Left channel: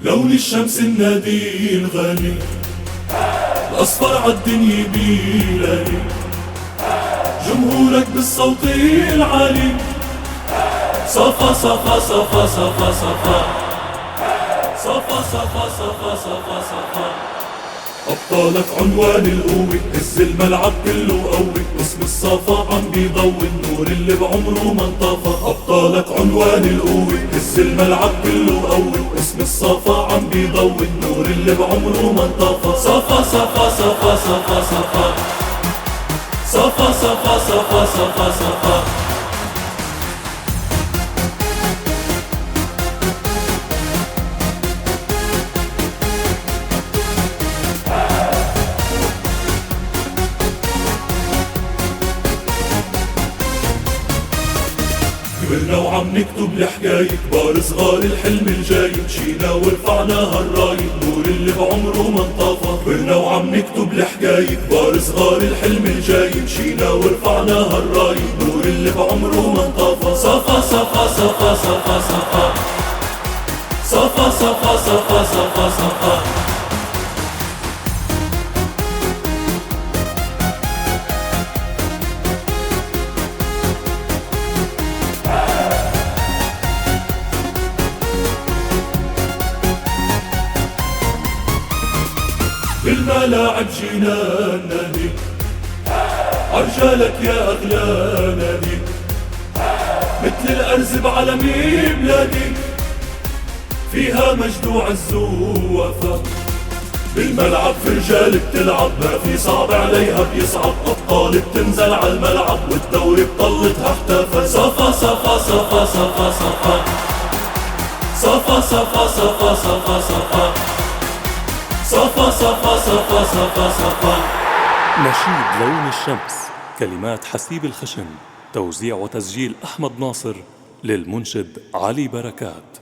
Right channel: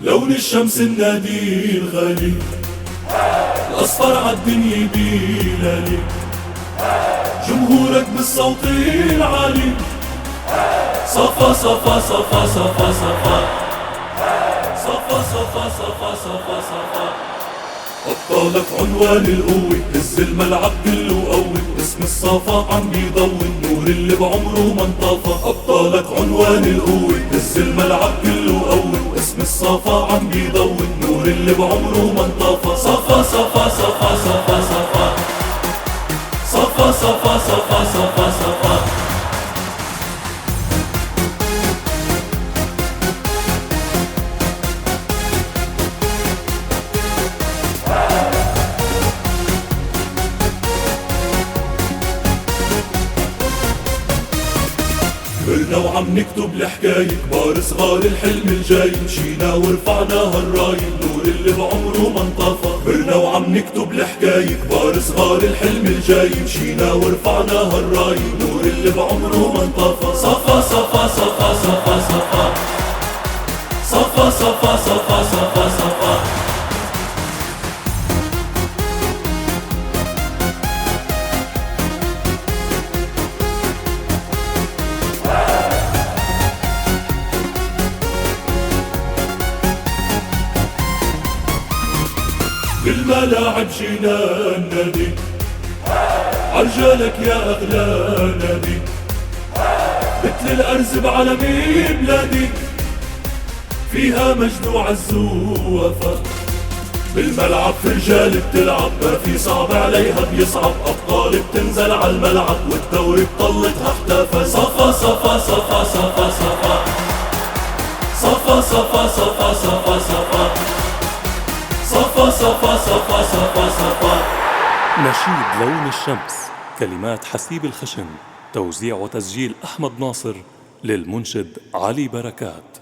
لون الشمس النادي الغالي، الأصفر عالدنيا بيلالي، جمهورك بالصوت العالي، صفا صفا صفا صفا صفا صفا صفا صفا صفا صفا. أبطالك عنوان القوة، هز الملعب كله قوي، اسم الصفا عم بيضوي النور اللي بعمره ما انطفى. أبطالك عنوان القوة، هز الملعب كله قوي، واسم الصفا عم بيضوي النور اللي بعمره ما انطفى. صفا صفا صفا صفا صفا صفا صفا صفا صفا صفا. كبرنا وعم نكتب الحكاية، كبار صغار الحلم الجاي، مشينا ورفعناها الراية، النور اللي بعمره ما انطفى. كبرنا وعم نكتب الحكاية، كبار صغار الحلم الجاي، مشينا ورفعناها الراية، النور اللي بعمره ما انطفى. صفا صفا صفا صفا صفا صفا صفا صفا صفا صفا. بالملاعب جينا النادي، عرجالك يا أغلى نادي، مثل الأرز بعلمي بلادي، فيها مجد وعز ووفا. بالملعب في رجال بتلعب، ما في صعب عليها بيصعب، أبطال بتنزل عالملعب، والدوري بطلتها احتفى. صفا صفا صفا صفا صفا صفا صفا صفا صفا صفا صفا صفا صفا صفا صفا. نشيد لون الشمس، كلمات حسيب الخشن، توزيع وتسجيل أحمد ناصر، للمنشد علي بركات.